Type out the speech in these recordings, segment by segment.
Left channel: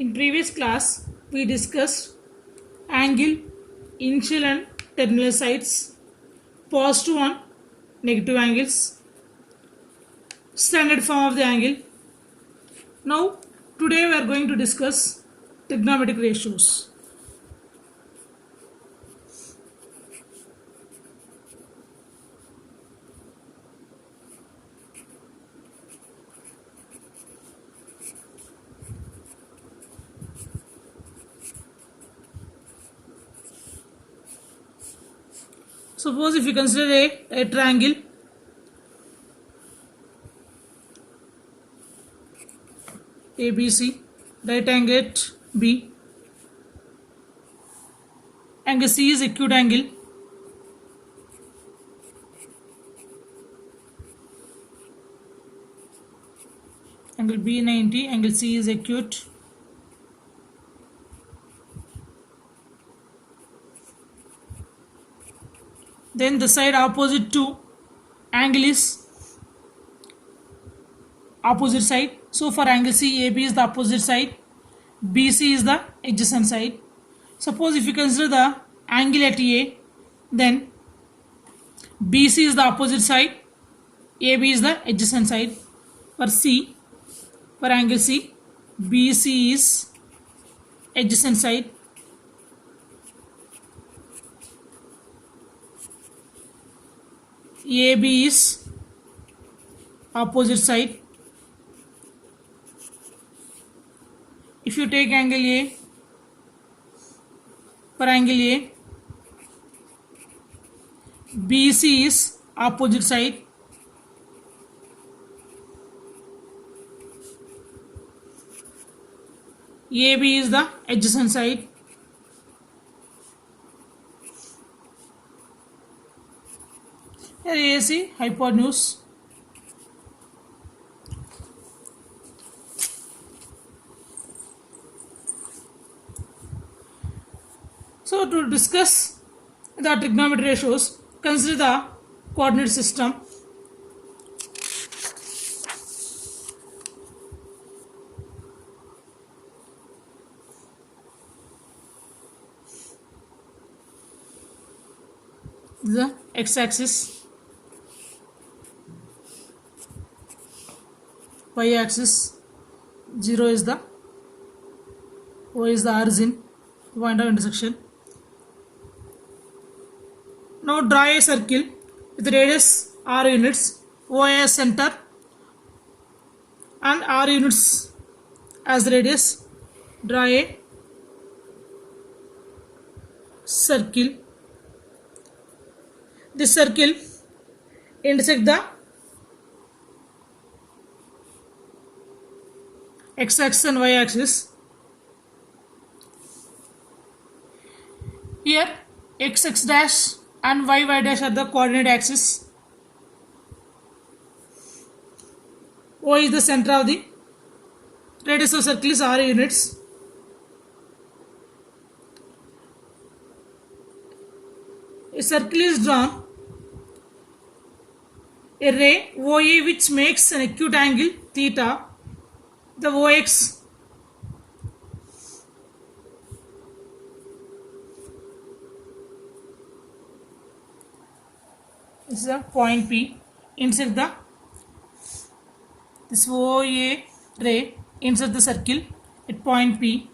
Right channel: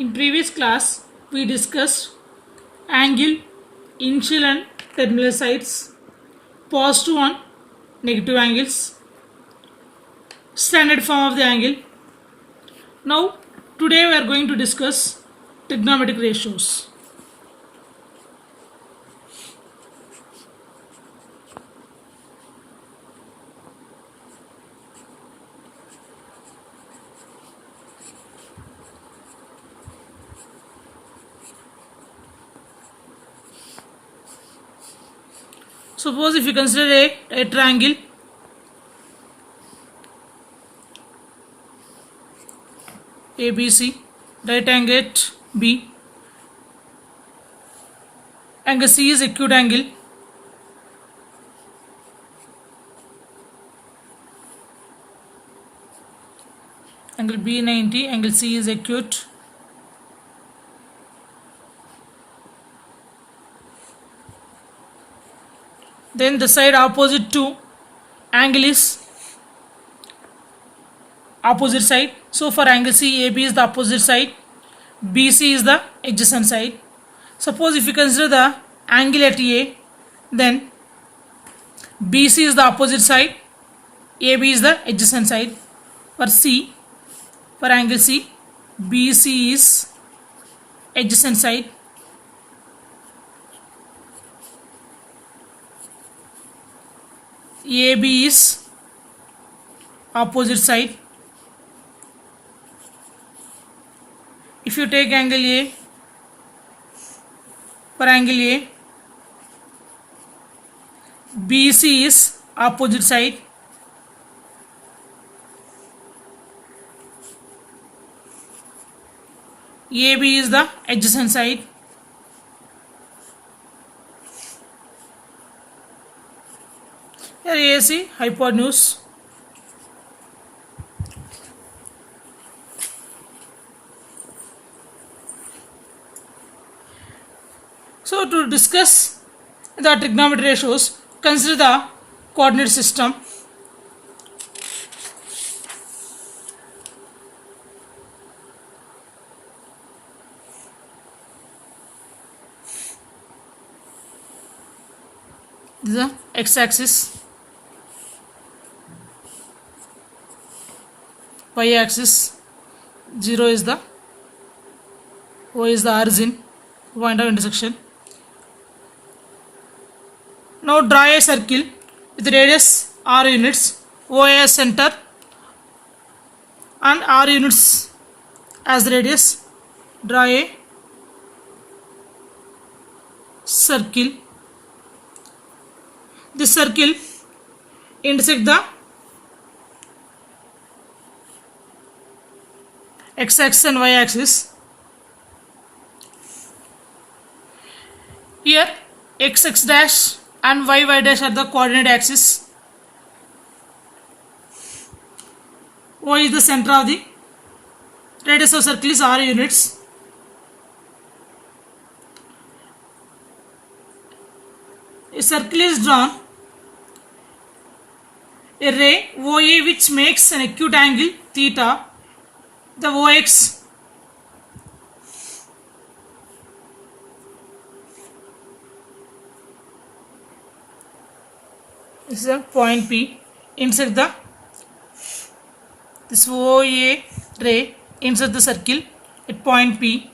In previous class, we discussed angle, initial and terminal sides, positive and negative angles, standard form of the angle. Now, today we are going to discuss trigonometric ratios. Suppose if you consider a triangle, ABC, right angle at B, angle C is acute angle, angle B 90, angle C is acute. Then the side opposite to angle is opposite side. So for angle C, AB is the opposite side, BC is the adjacent side. Suppose if you consider the angle at A, then BC is the opposite side, AB is the adjacent side. For C, for angle C, BC is adjacent side, AB is opposite side. If you take angle A, for angle A, BC is opposite side, AB is the adjacent side. Here AC hypotenuse. So to discuss the trigonometry ratios, consider the coordinate system. This is the x-axis, y-axis, 0 is the O is the origin, point of intersection. Now draw a circle with radius r units, O as center and r units as radius. Draw a circle. This circle intersect the x-axis and y-axis. Here x dash and y dash are the coordinate axis. O is the center of the radius of circle is r units. A circle is drawn, a ray OA which makes an acute angle theta, the OX this is a point P, insert this OA ray insert the circle at point P.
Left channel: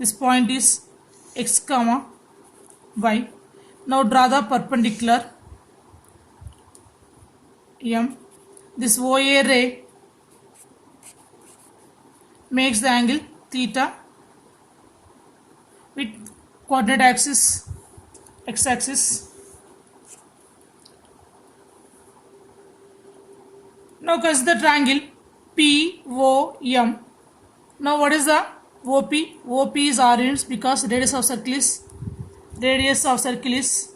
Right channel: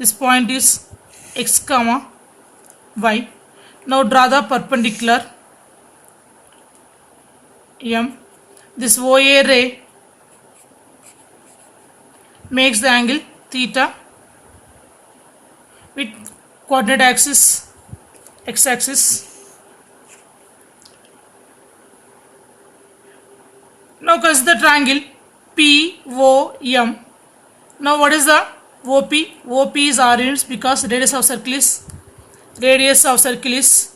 This point is x comma y. Now draw the perpendicular M. This OA ray makes the angle theta with coordinate axis x-axis. Now consider the triangle POM. Now what is the OP? OP is r units because radius of circle is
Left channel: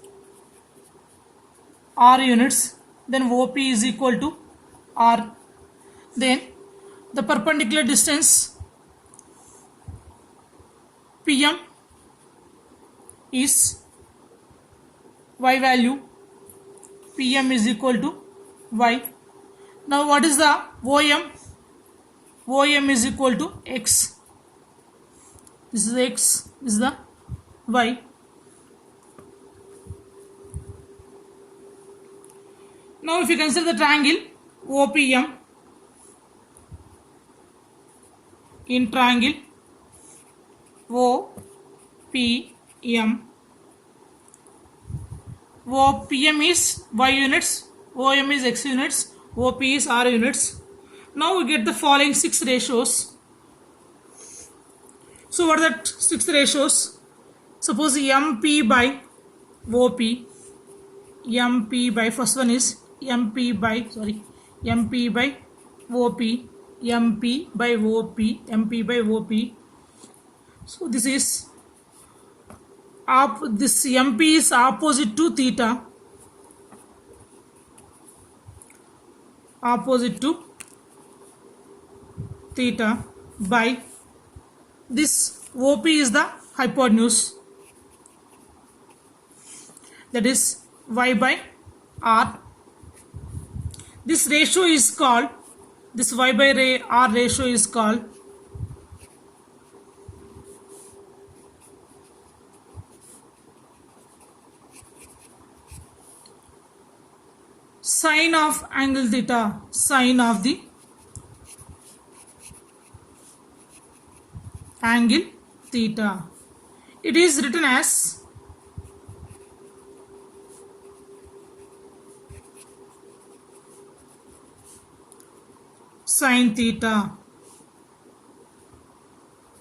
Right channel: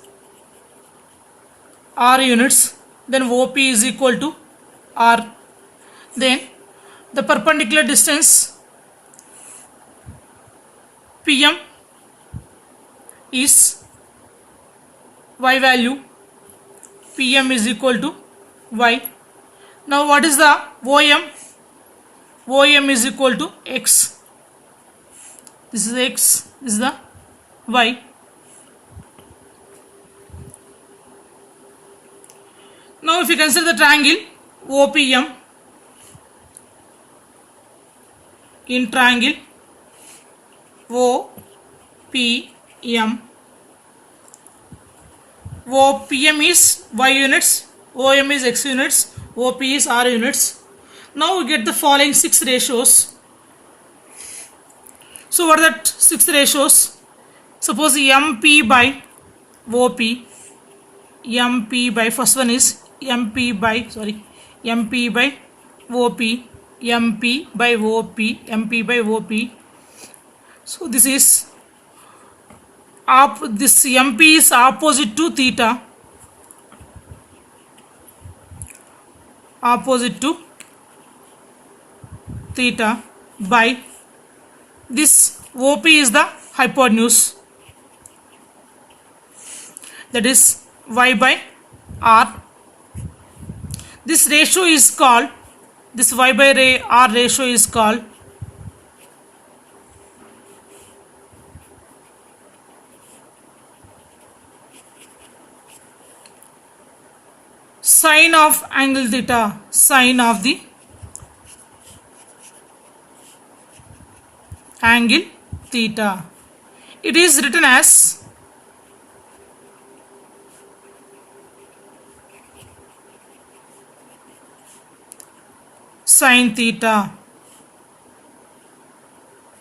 r units. Then OP is equal to r. Then the perpendicular distance PM is y value. PM is equal to y. Now what is the OM? OM is equal to x. This is x, this is the y. Now if you consider the triangle OPM, in triangle OPM, OPM is y units, OM is x units, OP is r units. Now we get the following 6 ratios. So what are that 6 ratios? Suppose MP by OP, MP by, first one is MP by OP, MP by OP, MP by OP. So this is this MP is opposite to theta, opposite to theta, by this OP is the hypotenuse, that is y by r. This ratio is called, this y by r ratio is called sine of angle theta, sine of the angle theta. It is written as sine theta,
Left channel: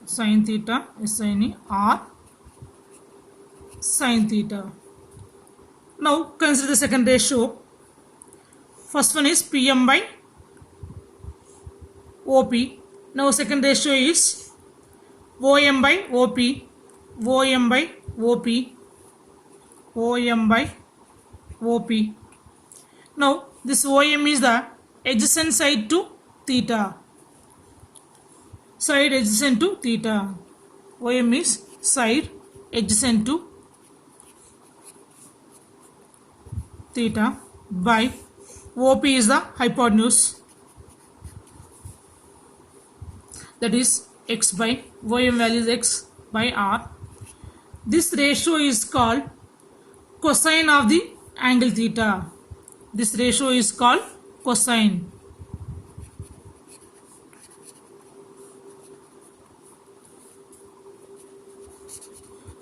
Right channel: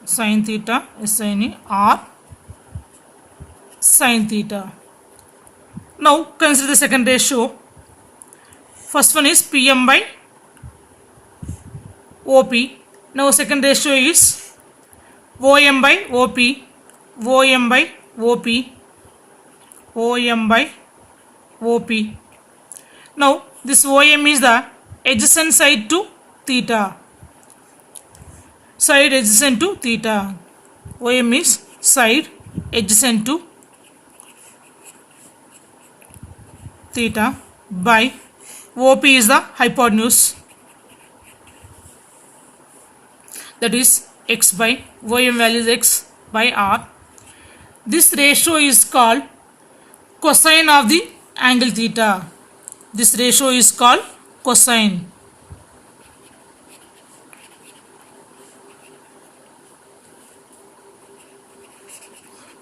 sine theta, sine r, sine theta. Now consider the second ratio. First one is PM by OP. Now second ratio is OM by OP, OM by OP, OM by OP. Now this OM is the adjacent side to theta, side adjacent to theta. OM is side adjacent to theta, by OP is the hypotenuse, that is x by, OM value is x by r. This ratio is called cosine of the angle theta. This ratio is called cosine.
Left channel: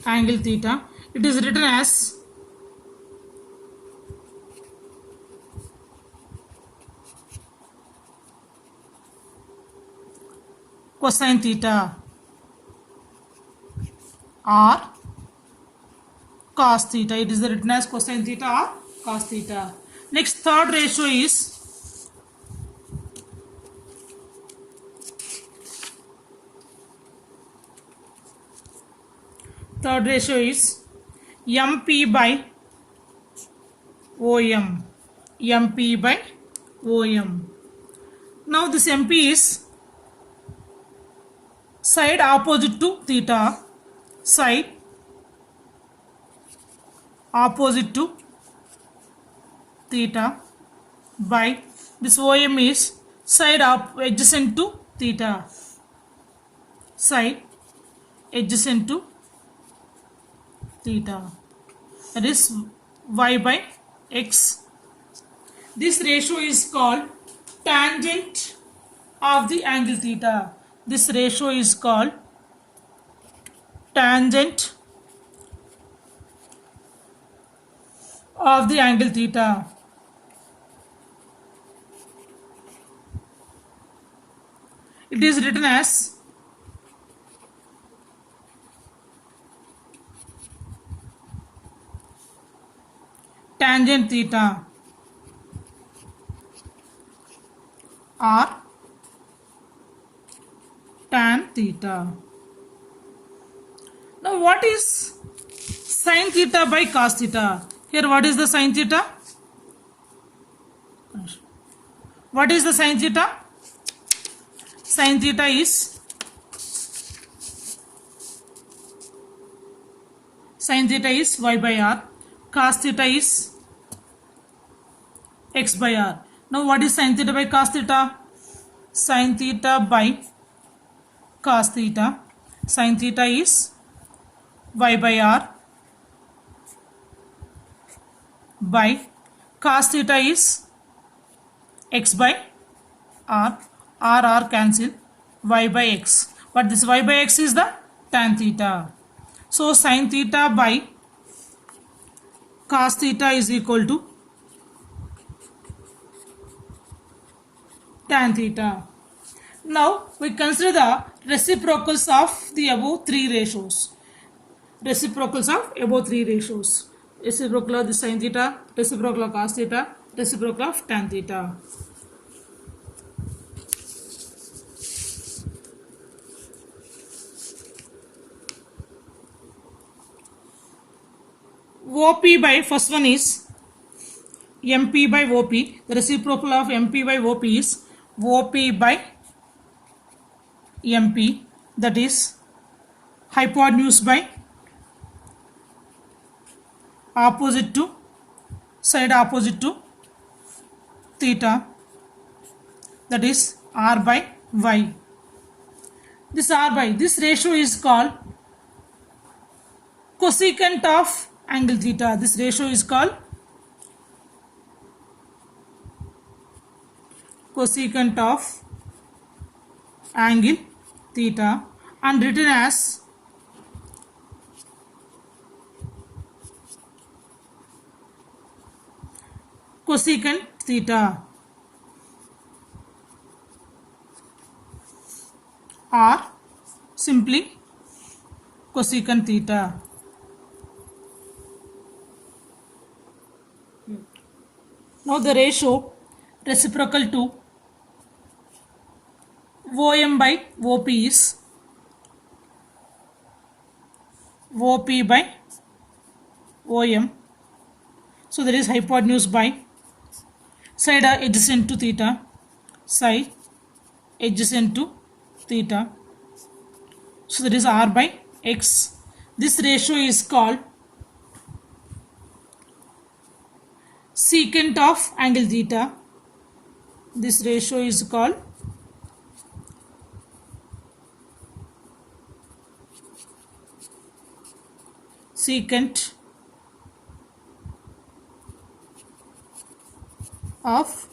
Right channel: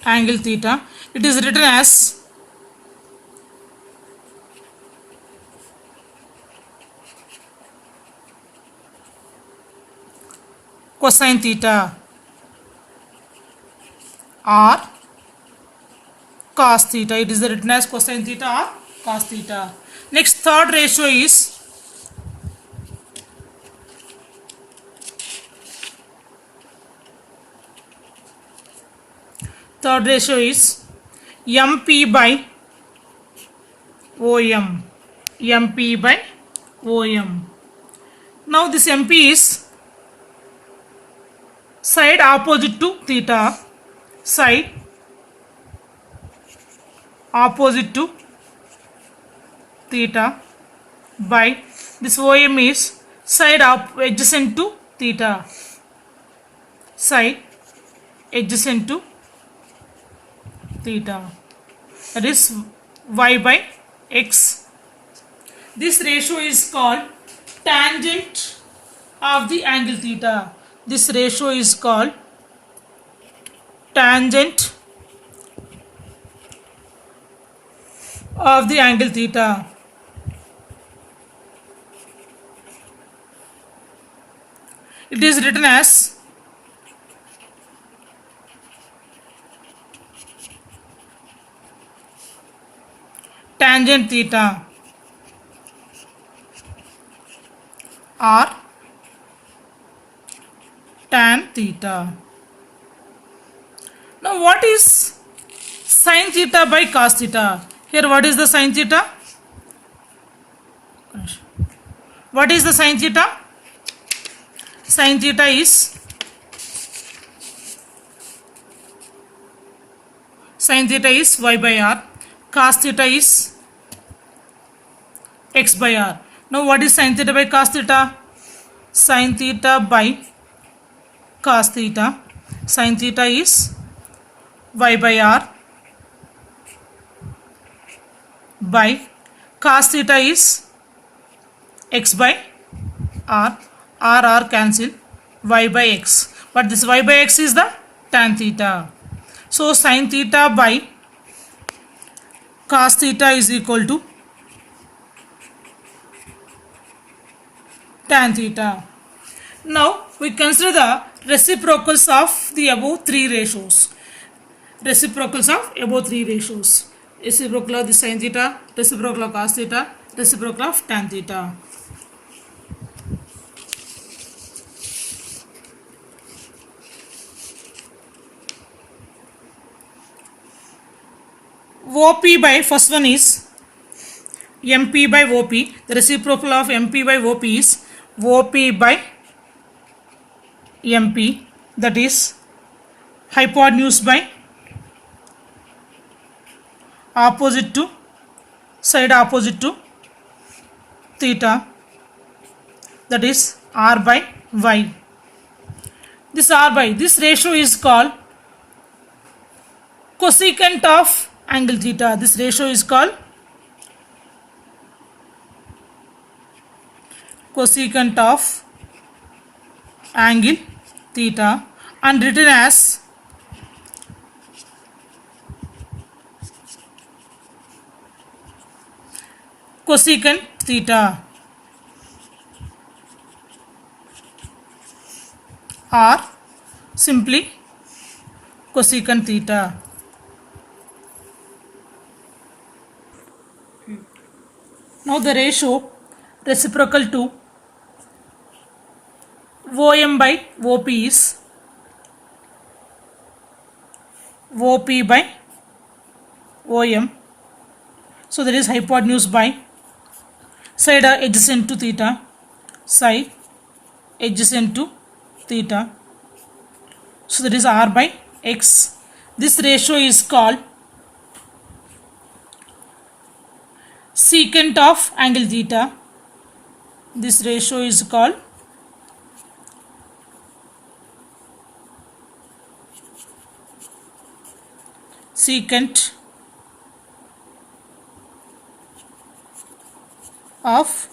Angle theta. It is written as cosine theta or cos theta. It is written as cosine theta or cos theta. Next, third ratio is MP by OM, MP by OM. Now this MP is side opposite to theta, side opposite to theta, by this OM is side adjacent to theta, side adjacent to theta, that is y by x. This ratio is called tangent of the angle theta. This ratio is called tangent of the angle theta. It is written as tangent theta or tan theta. Now what is sin theta by cos theta? Here what is the sin theta? What is the sin theta? Sin theta is y by r, cos theta is x by r. Now what is sin theta by cos theta? Sin theta by cos theta. Sin theta is y by r by cos theta is x by r. R cancel, y by x. But this y by x is the tan theta. So sin theta by cos theta is equal to tan theta. Now we consider the reciprocals of the above three ratios. Reciprocals of above three ratios. Reciprocal of the sin theta, reciprocal of cos theta, reciprocal of tan theta. OP by first one is MP by OP. The reciprocal of MP by OP is OP by MP, that is hypotenuse by opposite to side opposite to theta, that is R by Y. This R by this ratio is called cosecant of angle theta. This ratio is called cosecant of angle theta and written as cosecant theta or simply cosecant theta. Now the ratio reciprocal to OM by OP is OP by OM. So there is hypotenuse by side adjacent to theta, side adjacent to theta. So there is R by X. This ratio is called secant of angle theta. This ratio is called secant of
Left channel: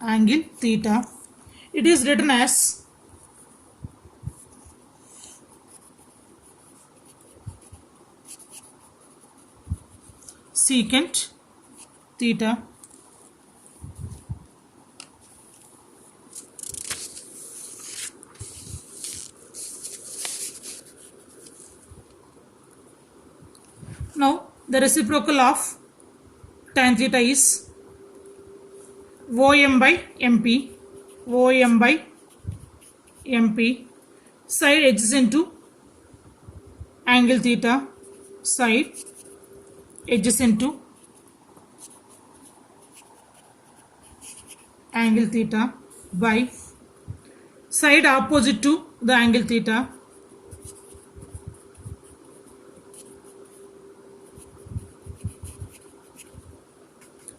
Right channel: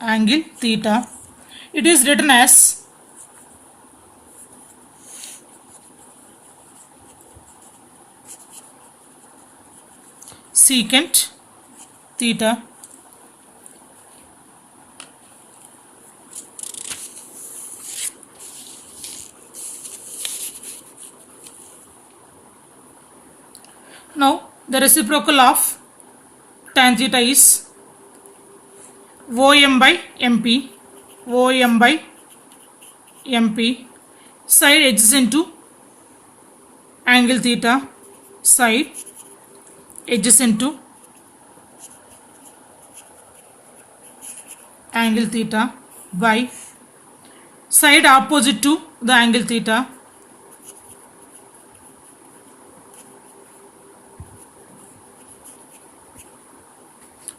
angle theta. It is written as secant theta now the reciprocal of tan theta is OM by MP, OM by MP, side adjacent to angle theta, side adjacent to angle theta by side opposite to the angle theta,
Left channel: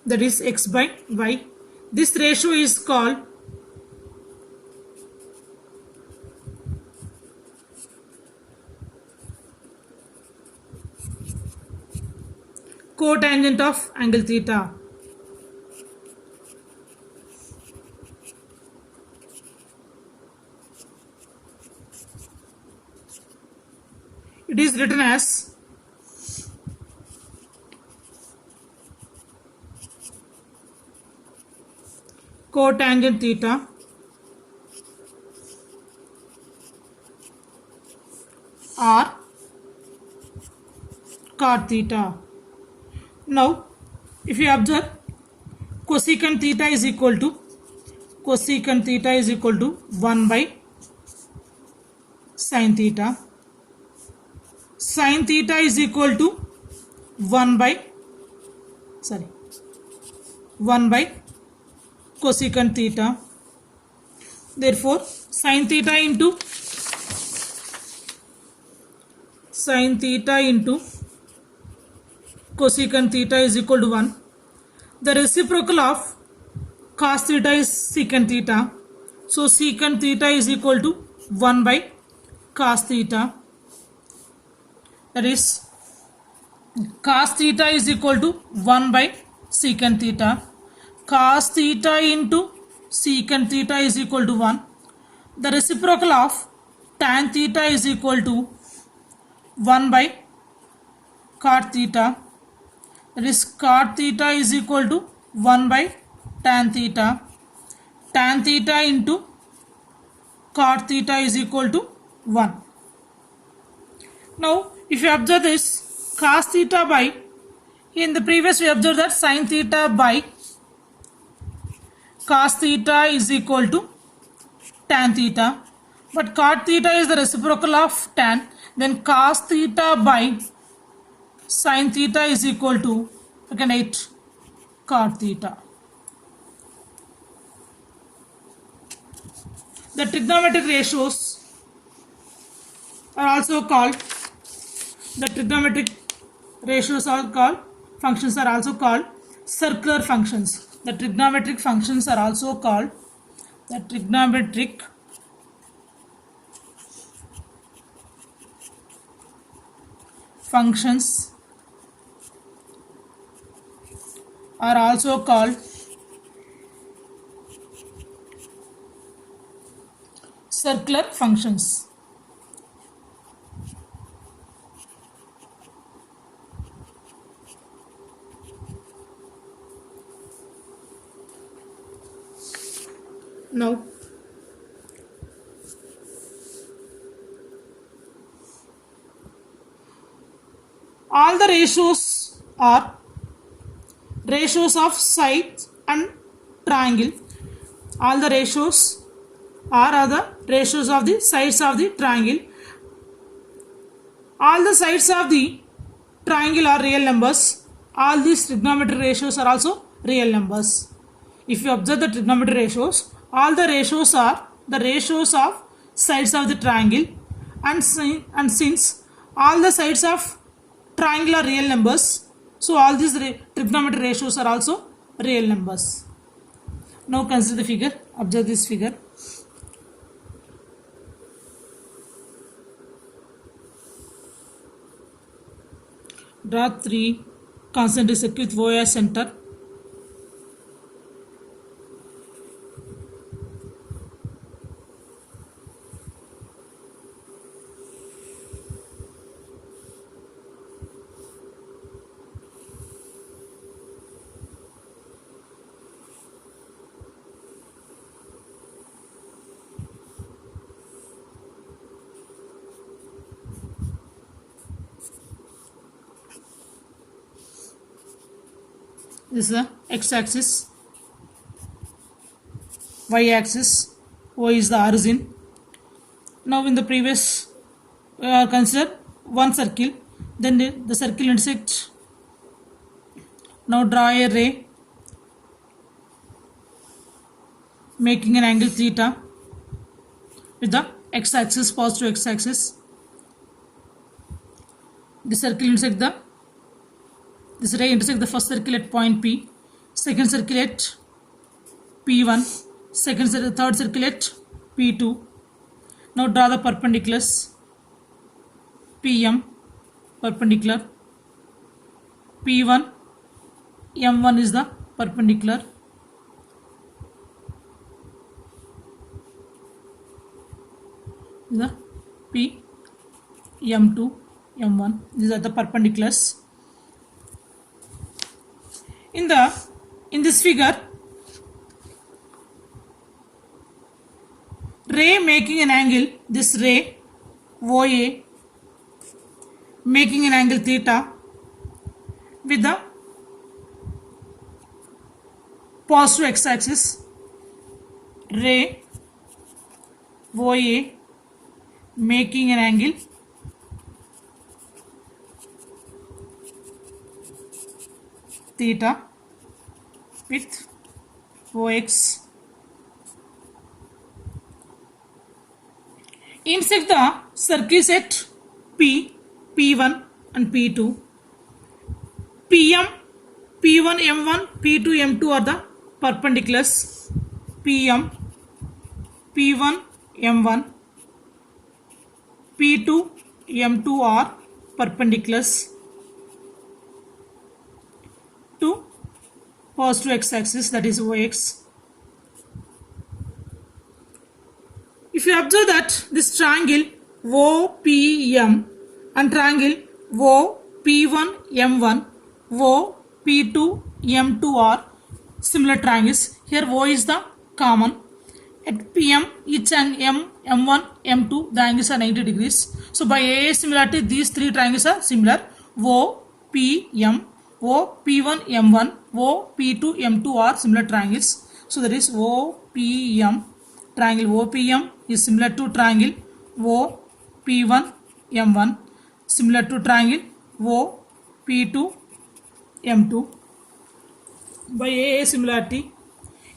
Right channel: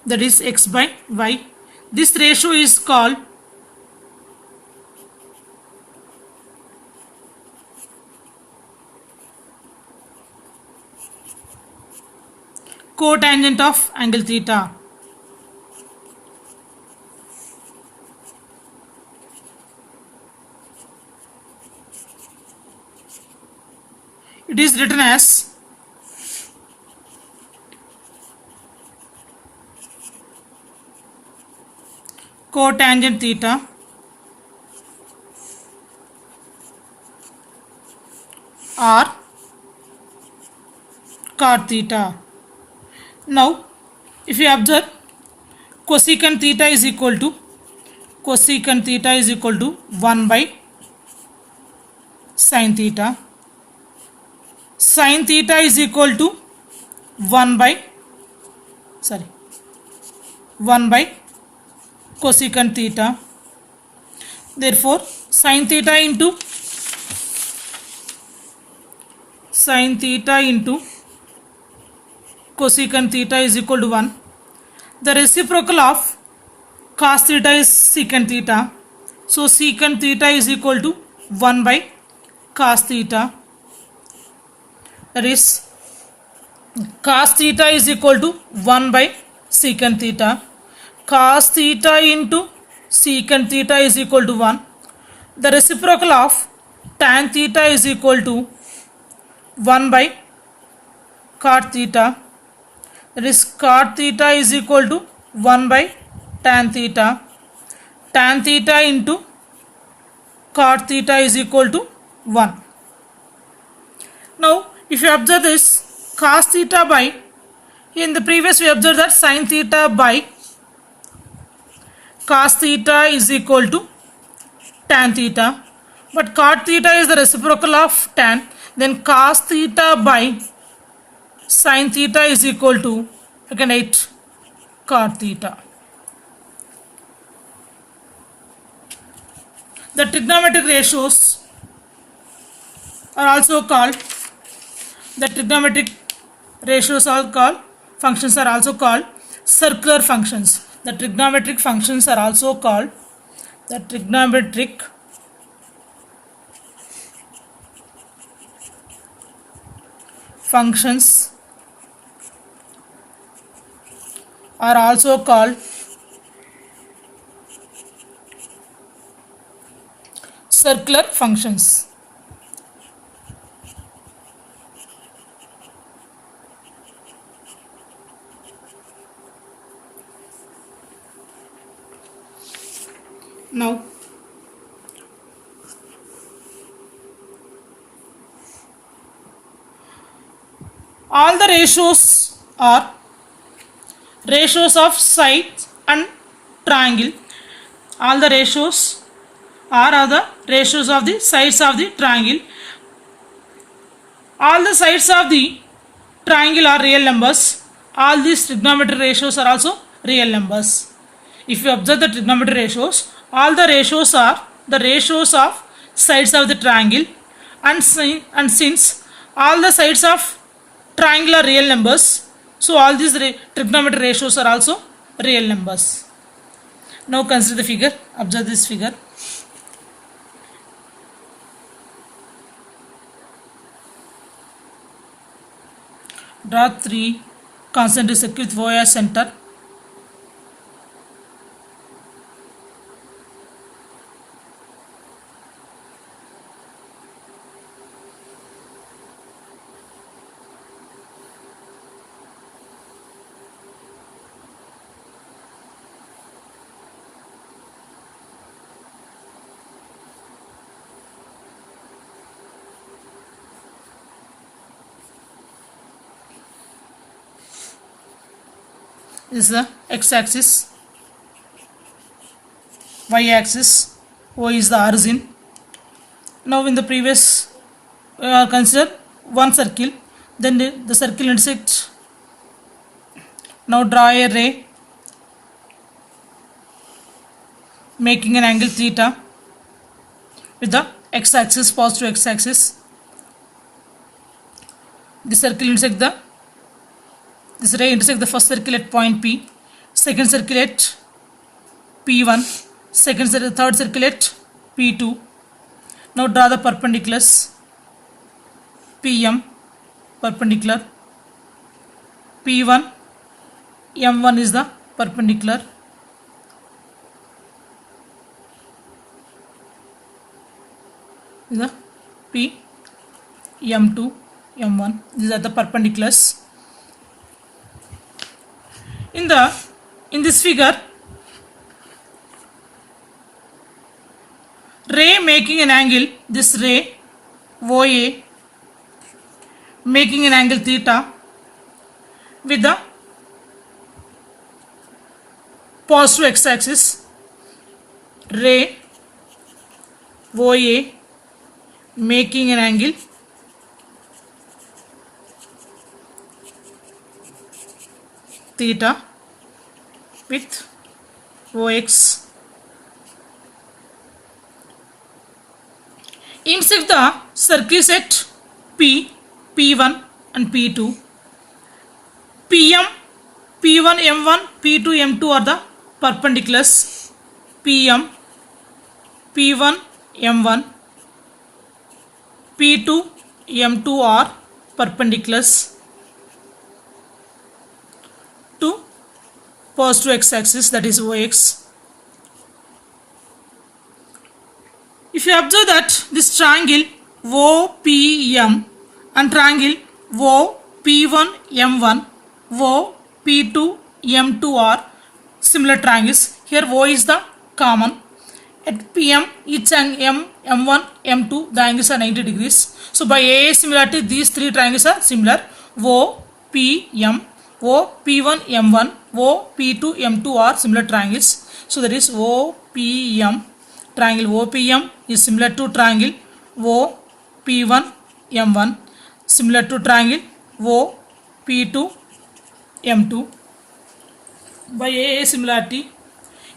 that is X by Y. This ratio is called cotangent of angle theta. It is written as cotangent theta or cot theta. Now if you observe, cosecant theta is equal to 1 by sin theta. Sin theta is equal to 1 by cosecant theta. Therefore sin theta into cosecant theta is equal to 1. The reciprocal of cos theta is secant theta. So secant theta is equal to 1 by cos theta, that is cos theta is equal to 1 by secant theta. Cos theta into secant theta is equal to 1. The reciprocal of tan theta is equal to 1 by cot theta. That is cot theta is equal to 1 by tan theta. Tan theta into cot theta is equal to 1. Now, if you observe this cos theta by, in the previous we observed that sin theta by cos theta is equal to tan theta. But cot theta is the reciprocal of tan. Then cos theta by sin theta is equal to, you can write cot theta. The trigonometric ratios are also called, functions are also called circular functions. The trigonometric functions are also called, circular functions. Now, all the ratios are ratios of side and triangle. All the ratios are the ratios of the sides of the triangle. All the sides of the triangle are real numbers. All these trigonometric ratios are also real numbers. If you observe the trigonometric ratios, all the ratios are the ratios of sides of the triangle, and since all the sides of triangle are real numbers, so all these trigonometric ratios are also real numbers. Now consider the figure. Observe this figure. Draw 3 concentric circles with O as center. This is the x-axis, y-axis, O is the origin. Now in the previous consider one circle, then the circle intersects. Now draw a ray making an angle theta with the x-axis, positive x-axis. The circle intersects this ray intersects the first circle at point P, second circle at P1, third circle at P2. Now draw the perpendiculars. PM perpendicular, P1, M1 is the perpendicular. Is the P, M2, M1. These are the perpendiculars. In this figure, ray making an angle, this ray OA making an angle theta with the positive x-axis, ray OA making an angle theta with OX. Intersect the circles at P, P1 and P2. PM, P1, M1, P2, M2 are the perpendiculars. PM, P1, M1. P2, M2 are perpendiculars to positive x-axis, that is OX. If you observe that this triangle OPM and triangle OP1M1, OP2M2 are similar triangles. Here O is the common. At PM, each and M1, M2, the angles are 90 degrees. So by AA similarity, these three triangles are similar. OPM, OP1, M1, OP2, M2 are similar triangles. So that is OPM. Triangle OPM is similar to triangle OP1, M1, similar to triangle OP2, M2. By AA similarity,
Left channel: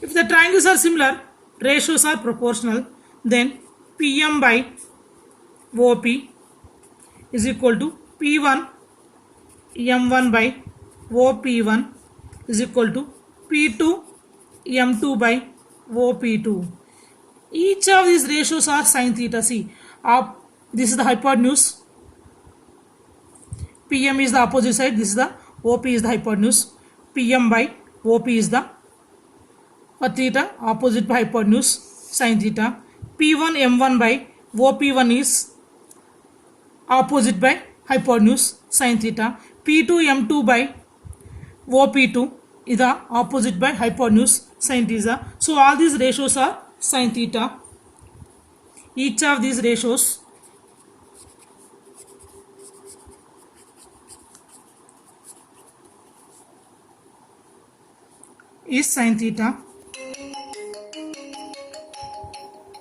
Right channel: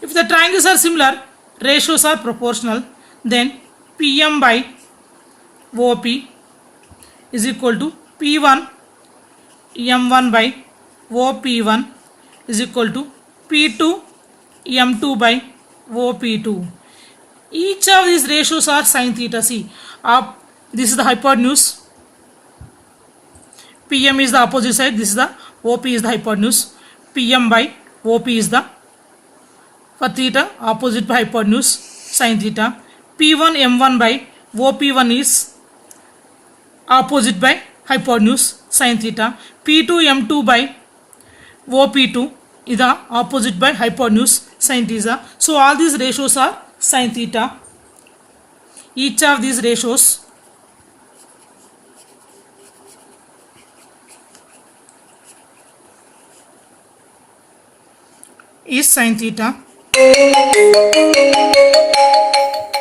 if the triangles are similar, ratios are proportional, then PM by OP is equal to P1 M1 by OP1 is equal to P2 M2 by OP2. Each of these ratios are sin theta. See, this is the hypotenuse. PM is the opposite side. This is the OP is the hypotenuse. PM by OP is the, for theta, opposite by hypotenuse, sin theta. P1 M1 by OP1 is opposite by hypotenuse, sin theta. P2 M2 by OP2 is the opposite by hypotenuse, sin theta. So all these ratios are sin theta. Each of these ratios is sin theta.